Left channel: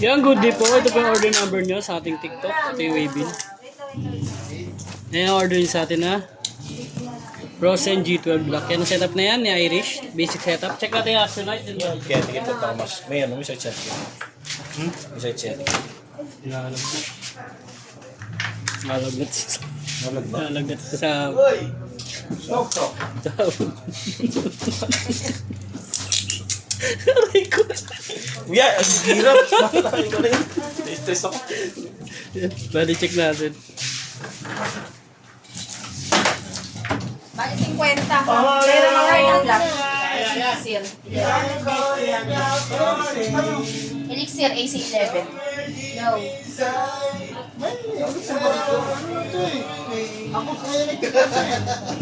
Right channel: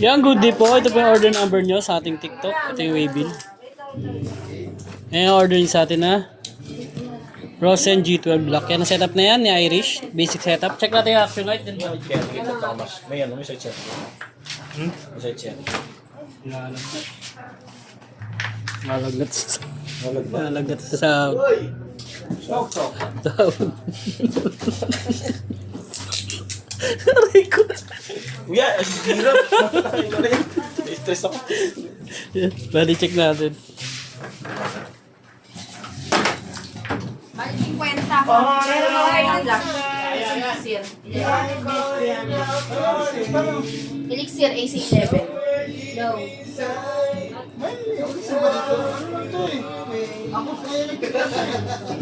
Yan, good day po. Ito po yung order number nyo sa ating TikTok. Ito yung Waybill. Ayan, order nyo sa atin na Rosen G12 Black. Yan ang setup na yan, ni Irish. Basic setup. Check natin yung action light. Kaya ito Thomas. May ano, may side check. May side check. Nalagnat. Nalagda. Nalagnat sa... Sok. Aray ko. Yeah, ang hirap. Na-stress ako. Bali check natin. Bali 50. Pero mga yung black. Elixir. Elixir AC7. Go.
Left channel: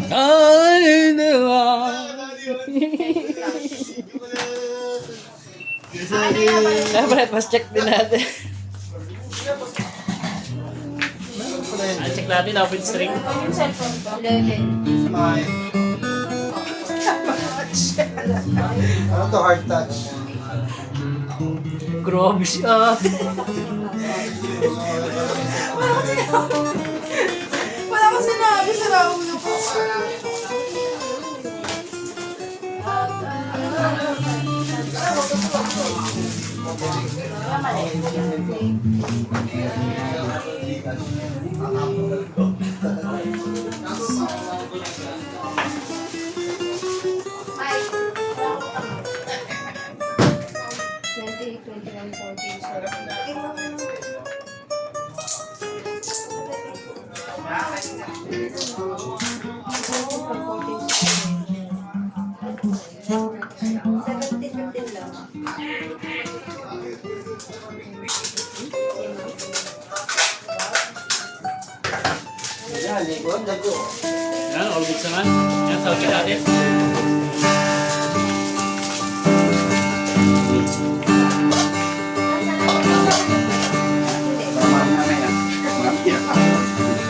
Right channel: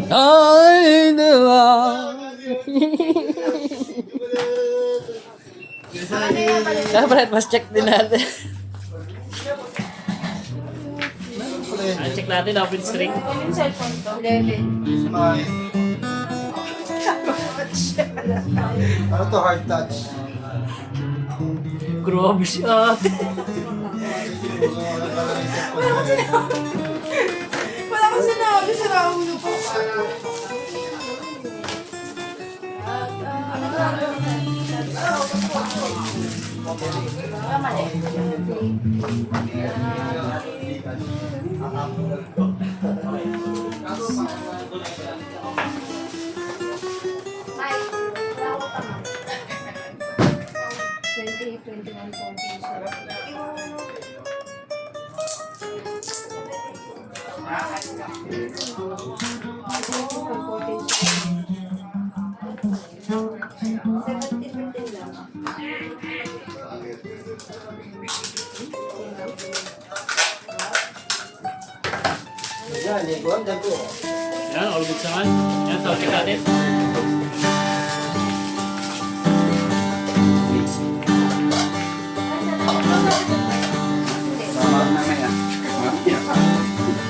Ay, diba? Dapat mas check din natin. Check natin, open string. Yung cellphone to? 11. Ano to, hard touch? Grabe si ate. Wala ko sinabi sa raulo ko. Yan, all good naman. Yan, sound check natin.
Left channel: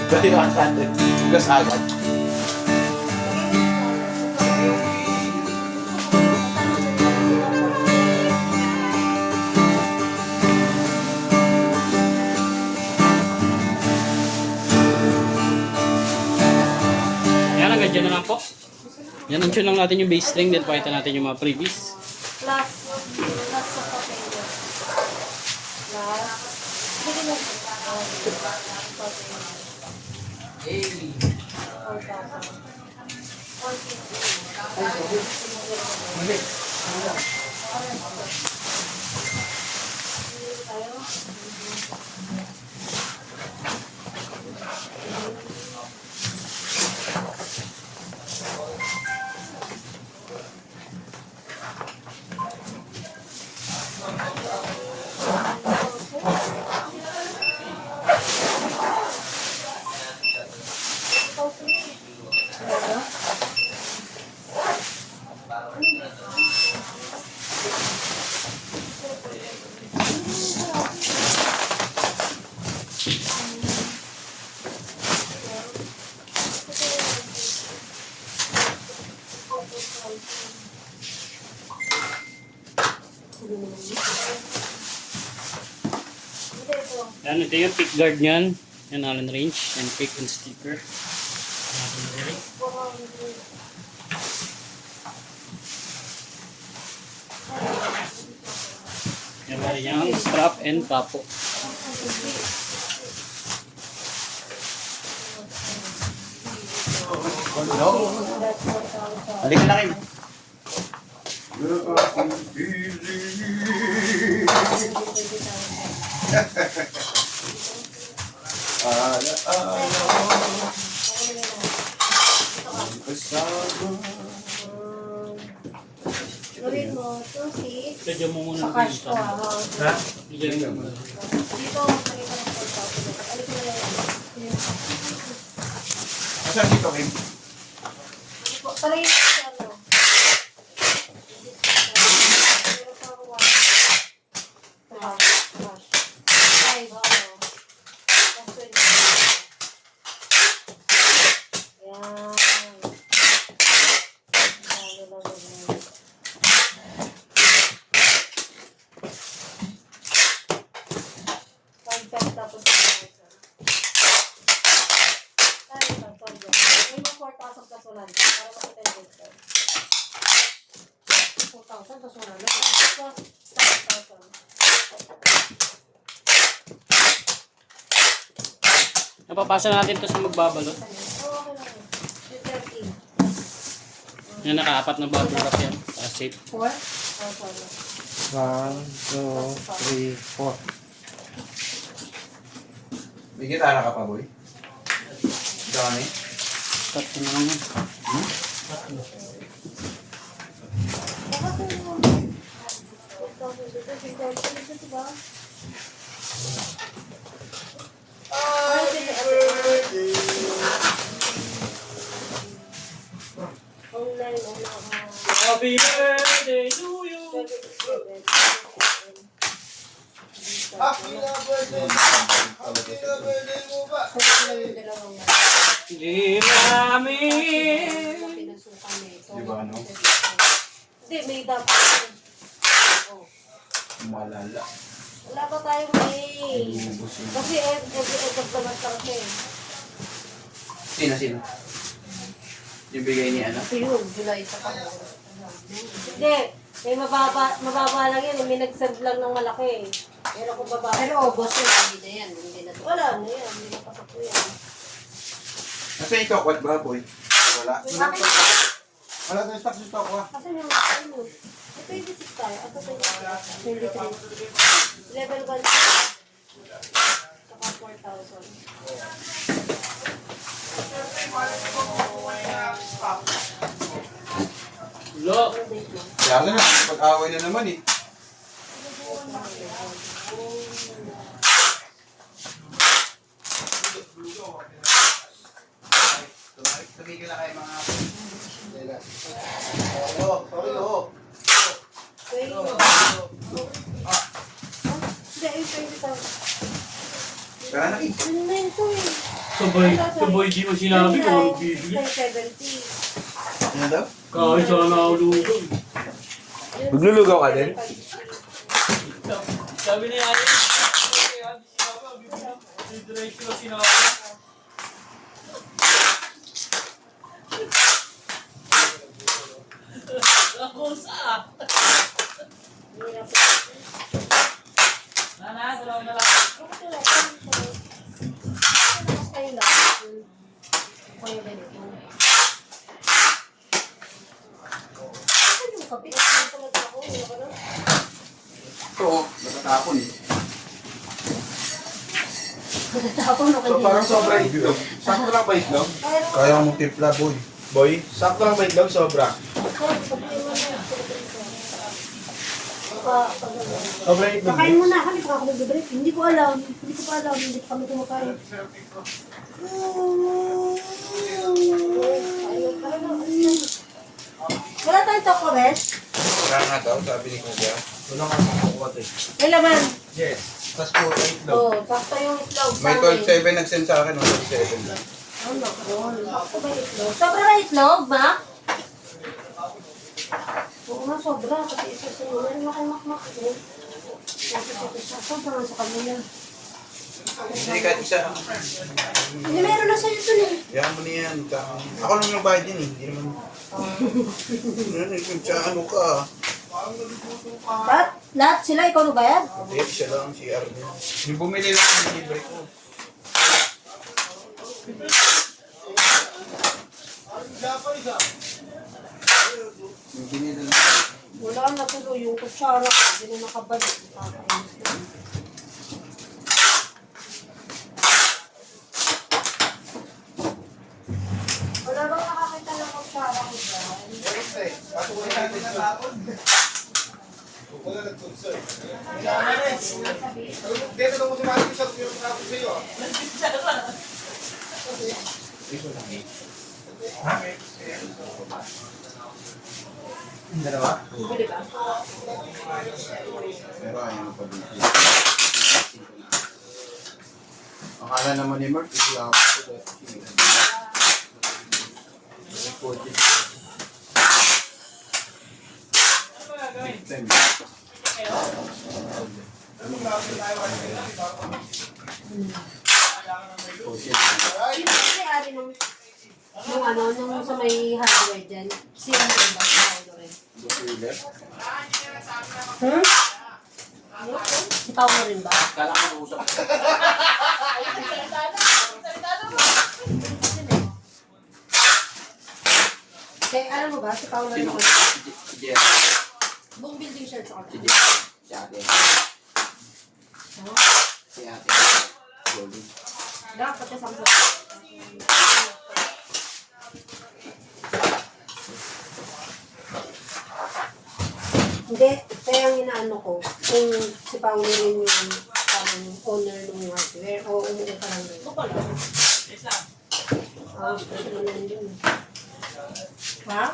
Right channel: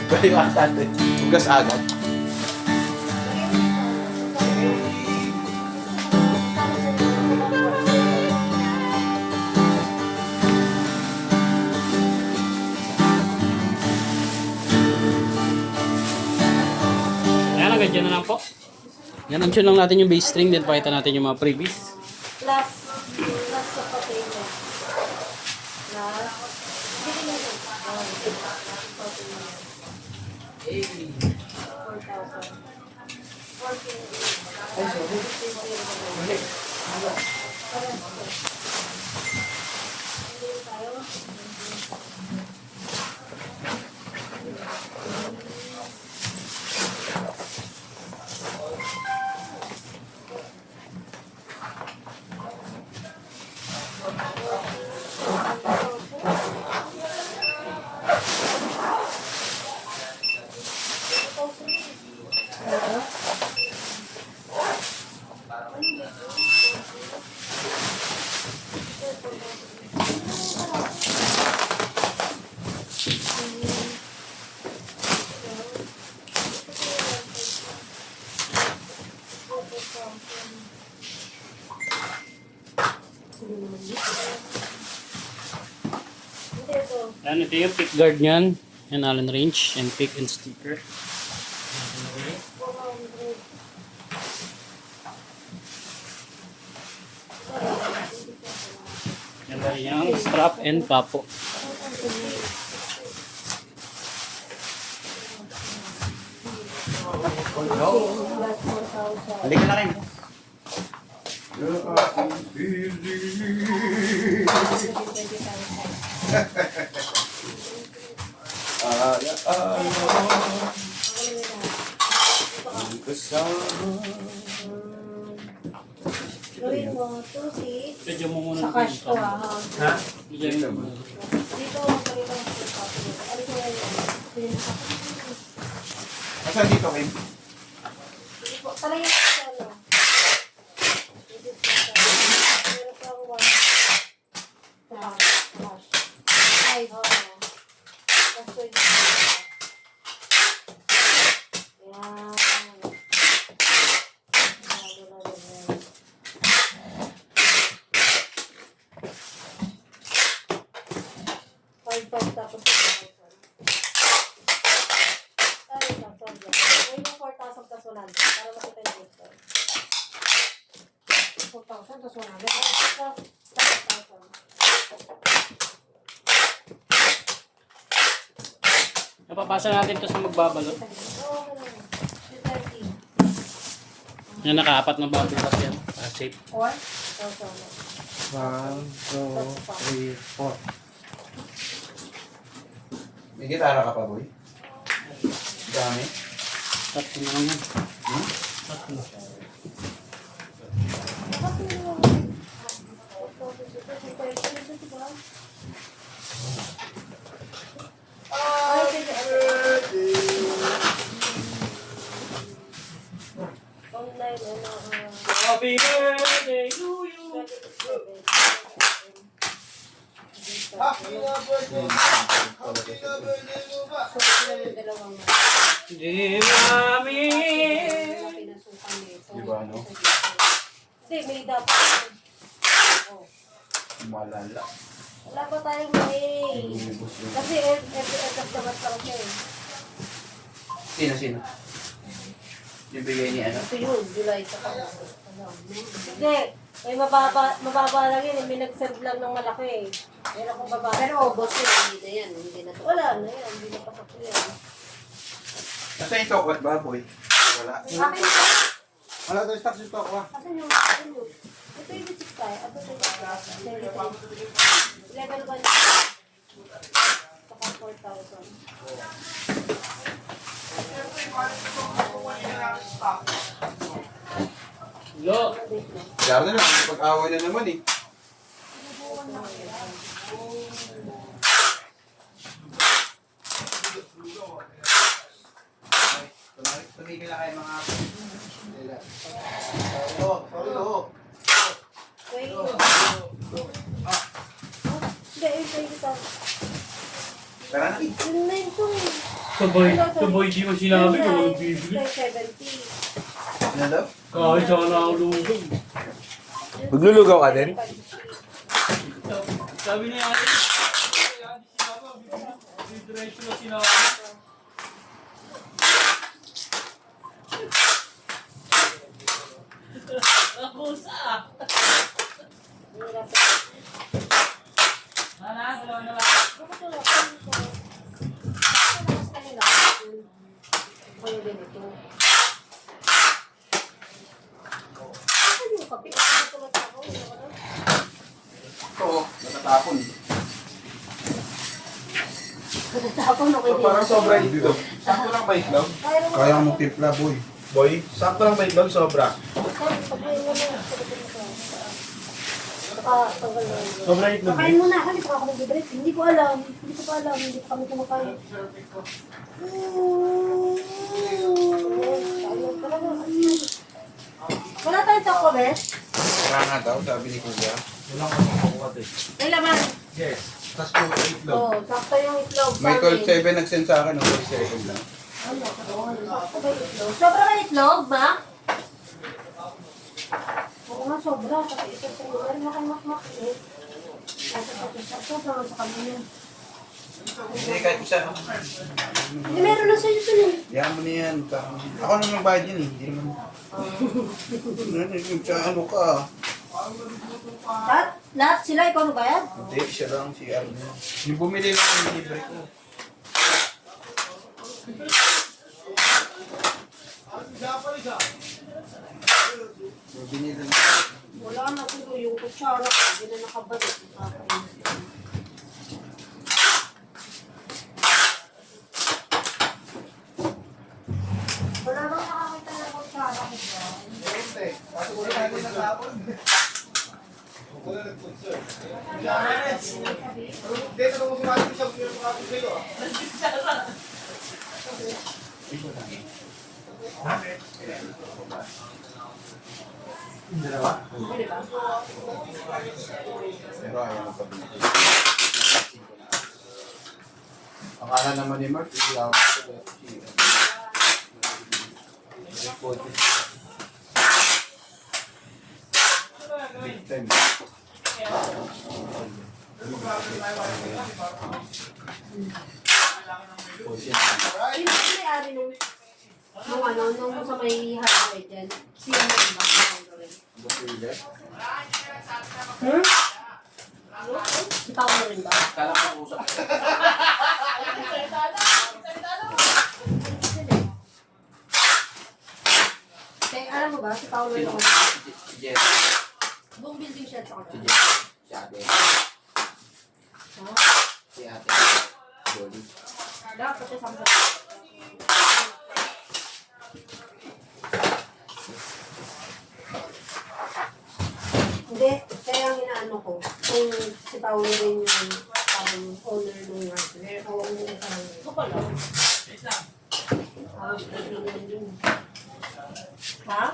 Pwede yung antante. Gas agad. Yan, hanggang dyan na lang po. Yan, unsyon lang natin yung bass string. Then pakita natin yung mga previous. Plus sa potato. Yan, ito yung pick guard niyan. Yan, Allen wrench and pick and sticker. Natin na rin. Yan ba yung strap and papo. Halika na kayo. Gawin mo, 2-6. Kaya mo muna Sa cash to ha. Ha? Bigyan mo. Dito, pakita mo sa alis mo yun. Asan dito, Kim? Talagay mo sa ano. Meron pa ako 1. Cash. Ay, yan. tapos 100. So, start out. Napapasa natin to sa magbabalot. Yung 30. Yan, nakaapat na bubble wrap yan. Safe. 4? 4. 1, 2, 3, 4. May gitara ka pa, boy? Dami. Tatlo na lang yan. Happy birthday to you. Happy na birthday! Happy na birthday mo ba? Di namin. Di ba, no? Hindi, may dapat. Malala. Wala pa tayong may. Lumubos yun. Kasi every end of the month pa kasi. Sino? Yung bigay ni ano? Ito yun, July sa pa. Hindi, eh mababa lang yan. May nag-serve lang ng malaki eh. Pero kung baba. Pero August yun, hindi na yan. Hindi na to. Wala na yan, hindi na pasok po yan. Nasaan yung tokwat ba, boy? Wala. Bakit? Wala tayo stock yung tokwa. Kasi yung ano, ito yung visit tayo. Ito tayo. Level 1. Saka 4,000. Lo. Kaya na lang, pag-away na naman eh. Tumigil na kayo mga ako. Sorry, ho. Wait. Hindi, yung pwede ka. Tara na. Ano na yun ko eh. Sabay di mo sinabi kung anong bibigyan. 70. Ano daw? Kahit sana ako lugan. Maglulugaw ka din? Sabi ni Ate, diretso na sinabi. Ako sa. Dalawa na lang. Mas kayo lang. Kayo ganito. Ano yung kapit? Ano tulad ako? Ito, matatapon. Matatapon ako So, parang sobra itlog. Sakto lang ba itlog? Kaya mo timpla, boy. Boy, sakto lang ba itlog? Sobra. Sobra itlog. Kakain muna ako, hindi pa ako nag-break. Hindi ko alam. Hindi ko pa alam. Hindi pa kami kumakain. Wala tayong chocolate? Kaya nga daw, sabi ni Kuya. Wala ka makukuha eh. May laman. Yes. Tapos po itlog. Oo, sakto yung itlog. May 12.7 nagsend sa akin, 12.7 lang. Ano, sakto ba yung itlog? Sobra ba itlog, ma? Oo nga, sobra. Kasi ito sa iyo. Meron na kayo makmak. Sobra nga sa kanila. Hindi kahit isa. Hindi, meron na sa'yo ito eh. Yan mo na yan. Ako naman ang bayad din eh. Hindi naman. Ano ka? Lahat sila, ikaw nagbayad? Hindi, siya lang si Arvin. Yung bumili lang ng libre ko. Yung binili lang. Wala na tuloy yung kutsara. Hindi na nakabalik. Wala bang nakakita ng kutsara ko dyan? Pasukulin natin ang tapon. Wala nag-concern. Dito lang mo si Mati sa yung mga sa'yo. Yung dalawa? Pwede ba? Pero ayaw mo pa din. Ang kala naman ni Mark, islam ko. Sino may-ari nung ano, nung sa may hardware dyan? Sino yung bang hardware? Basiler. Hmm? Itaw mo rin ba? Kala ko usap. Kaya alam mo ba, si Paolo Sino? yung Si Jeff. buong building siya sa Si kanya. Jeff. Si ate. Si ate. Goldie. Dapat siya sa Hindi, kaya ang inaano ko, kung si Paolo rin yung parang owner ng hardware, o owner ng parang ito pala. Ha?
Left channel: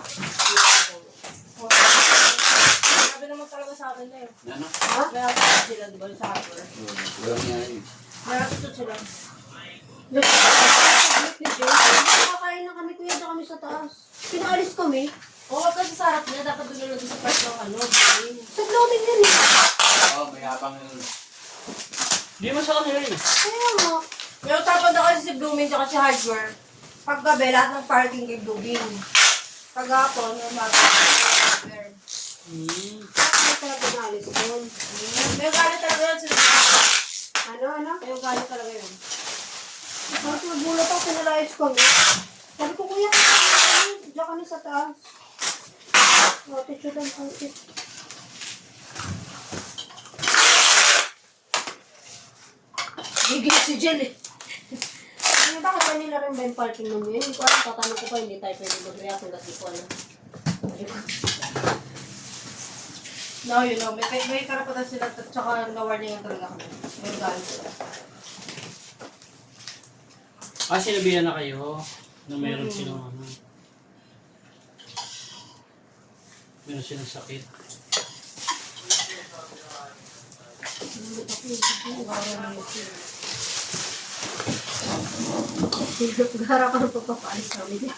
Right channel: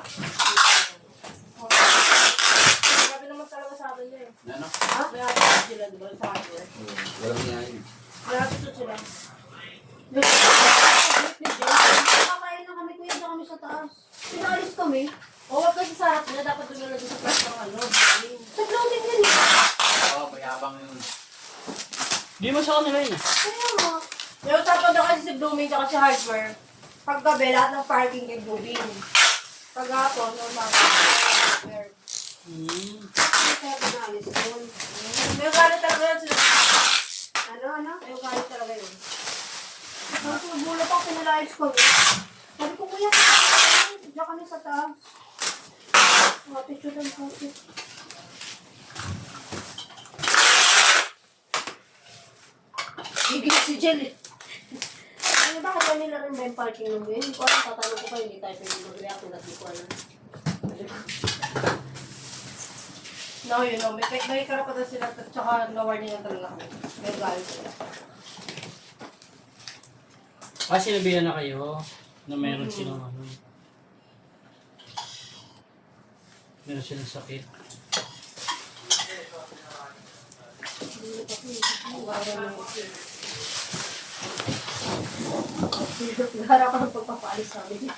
Sabi naman talaga sa akin na yun. Ano? Ha? May hapit sila, di ba, sa hardware? Walang yan. May hapit sila. Nakakain lang kami, kuya, doon kami sa taas. Pinaalis kami. Oo, kasi sa harap niya, dapat doon na doon sa pwesto ng ano. Sa globin yan. Oo, mayabang yun. Di mo sa kanila yun. Kaya nga. Yung tapos na kasi si Blooming at si Hardware, paggabi, lahat ng parking kay Blooming. Paghapon, yung mga Hardware. Ay, kaya pinalis yun. May galit talaga yun sila. Ano? May galit talaga yun. Kasi nagulat ako, pinalayas ko. Sabi ko, kuya, diyan kami sa taas. Tissue lang po. Gigil si Jen eh. Ay, bakit kanila rin ba yung parking ng yun? Hindi ko alam, tatanong ko pa, hindi tayo pwede mag-react kung dati ko alam. No, yun know, may karapatan sila at saka na-warning ang talaga kami. May galit sila. Sinabihan na kayo na meron silang ano. Meron silang sakit. Gara ka ng pagpapaalis namin.